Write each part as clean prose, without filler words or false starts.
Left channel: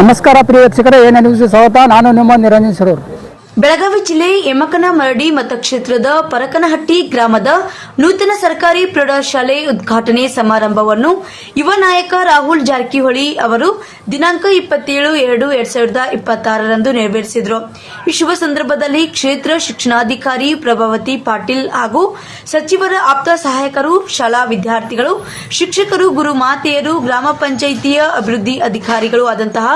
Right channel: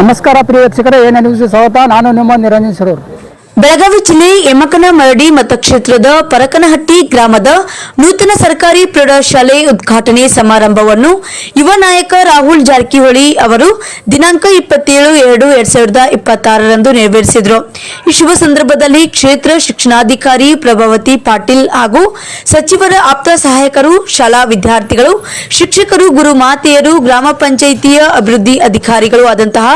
ನಮಸ್ಕಾರ ಪ್ರಿಯ ವೀಕ್ಷಕರೇ, ಏನೇ ನ್ಯೂಸ್ ಸ್ವಾಗತ. ನಾನು ನಿಮ್ಮ ನಿರಂಜನ್ ಸರೂರ್. ಬೆಳಗಾವಿ ಜಿಲ್ಲೆ ಯಮಕನಮರಡಿ ಮತಕ್ಷೇತ್ರದ ಪರಕನಹಟ್ಟಿ ಗ್ರಾಮದ ನೂತನ ಸರ್ಕಾರಿ ಪ್ರೌಢಶಾಲೆ ಉದ್ಘಾಟನೆ ಸಮಾರಂಭವನ್ನು ಯುವ ನಾಯಕ ರಾಹುಲ್ ಜಾರಕಿಹೊಳಿ ಅವರು ದಿನಾಂಕ 27/2/2026ರಂದು ನೆರವೇರಿಸಿದರು. ಈ ಶುಭ ಸಂದರ್ಭದಲ್ಲಿ ಕ್ಷೇತ್ರ ಶಿಕ್ಷಣಾಧಿಕಾರಿ ಪ್ರಭಾವತಿ ಪಾಟೀಲ್ ಹಾಗೂ ಸಚಿವರ ಆಪ್ತ ಸಹಾಯಕರು, ಶಾಲಾ ವಿದ್ಯಾರ್ಥಿಗಳು, ಶಿಕ್ಷಕರು, ಗುರು ಮಾತೆಯರು, ಗ್ರಾಮ ಪಂಚಾಯಿತಿಯ ಅಭಿವೃದ್ಧಿ ಅಧಿಕಾರಿಗಳು ಆದಂತಹ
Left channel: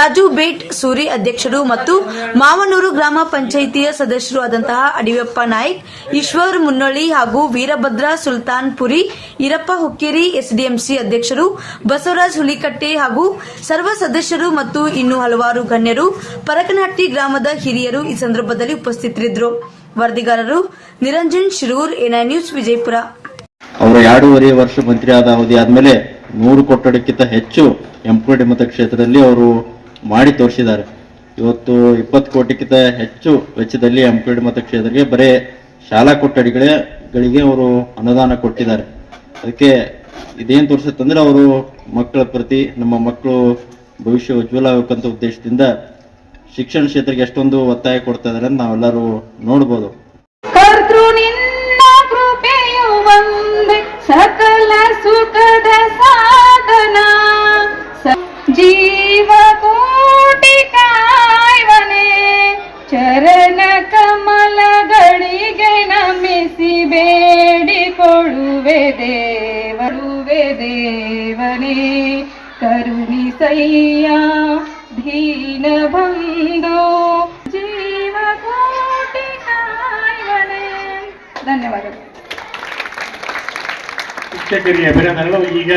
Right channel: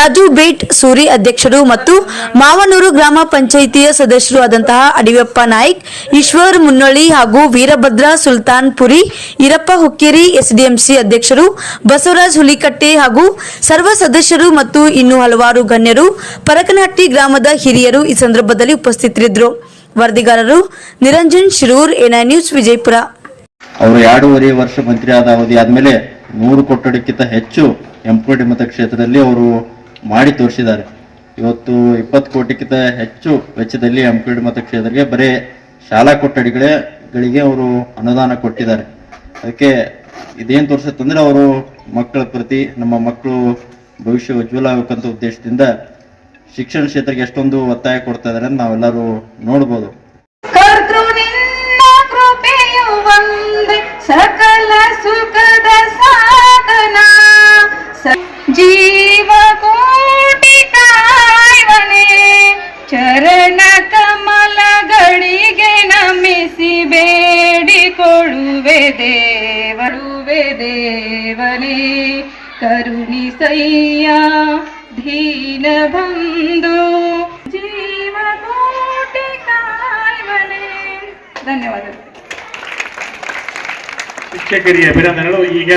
ರಾಜು ಬೇಟ್ ಸೂರಿ ಅಧ್ಯಕ್ಷರು ಮತ್ತು ಮಾವನೂರು ಗ್ರಾಮ ಪಂಚಾಯಿತಿಯ ಸದಸ್ಯರು ಆದಂತಹ ಅಡಿಯಪ್ಪ ನಾಯ್ಕ್, ಈಶ್ವರ್ ಮುನ್ನಳ್ಳಿ ಹಾಗೂ ವೀರಭದ್ರ ಸುಲ್ತಾನ್ ಪುರಿ, ಈರಪ್ಪ ಹುಕ್ಕೇರಿ, ಎಸ್ಡಿಎಂಸಿ ಅಧ್ಯಕ್ಷರು ಬಸವರಾಜ್ ಹುಲಿಕಟ್ಟೆ ಹಾಗೂ ಸರ್ವ ಸದಸ್ಯರು ಮತ್ತು ಇನ್ನೂ ಹಲವಾರು ಗಣ್ಯರು, ಪರಕನಹಟ್ಟಿ ಗ್ರಾಮದ ಹಿರಿಯರು ಈ ಸಂದರ್ಭದಲ್ಲಿ ಉಪಸ್ಥಿತರಿದ್ದರು. ವರದಿಗಾರರು ನಿರಂಜನ್ ಶಿರೂರ್, ಎನ್ಐ ನ್ಯೂಸ್, ವಿಜಯಪುರ. ಅವರು 2.5 ವರ್ಷ ಮಂತ್ರಿ ಆದ ಅವಧಿ ಆದ್ಮೇಲೆ 100 ಕೊಠಡಿಗಿಂತ ಹೆಚ್ಚು ಎಂಪ್ಲಾಯ್ಡ್ ಮತಕ್ಷೇತ್ರದಲ್ಲಿ ಅವರು ಮಾಡಿ ತೋರಿಸಿದ್ದಾರೆ. ಇವತ್ತು 20 ಕೋಟಿಗಿಂತ ಹೆಚ್ಚು ವೆಚ್ಚದಲ್ಲಿ ಎಂಪ್ಲಾಯ್ಡ್ ಮತಕ್ಷೇತ್ರಕ್ಕೆ ಬರೀ ಶಾಲಾ ಕೊಠಡಿಗಳಿಗೆ ಅವರು ಅನುದಾನ ಕೊಟ್ಟಿದ್ದಾರೆ. ಅದಕ್ಕೆ ಇದೇನು ತೋರಿಸುತ್ತಂದ್ರೆ ಅವರು ಮಕ್ಕಳ ಪ್ರತಿ, ನಮ್ಮ ಮಕ್ಕಳು ಭವಿಷ್ಯ ಉಜ್ವಲ ಆಗಬೇಕಂತ ಉದ್ದೇಶದಿಂದ ಶಿಕ್ಷಣ ಕ್ಷೇತ್ರಕ್ಕೆ ಎಷ್ಟೊಂದು ಒತ್ತಾಯ ಕೊಡ್ತಾ ಇದ್ದಾರೆ ಅಂತ ನಾವೆಲ್ಲರೂ ನೋಡ್ಬೋದು. ಸಕಲ ಸುಖದ ಸಾಧನ ಜೀವ ಕೋಟಿ ಕಾಯ್ವನೆ ಚರಣ ಕಮಲಗಳಿಗೆ ನಮಿಸಿ ಬೇಡಿಕೊಳ್ಳುವೆ ದೇವನೇ ಕರುಣಿಸಯ್ಯ ದೀನ ಬಂಧು ಜೀವ ಕೋಟಿ ಕಾಯ್ವನೆ. ಧನ್ಯವಾದಗಳು. ಶಿಕ್ಷಕರಿಗೆ ಅಭಿನಂದನೆಗಳು. ಈಗ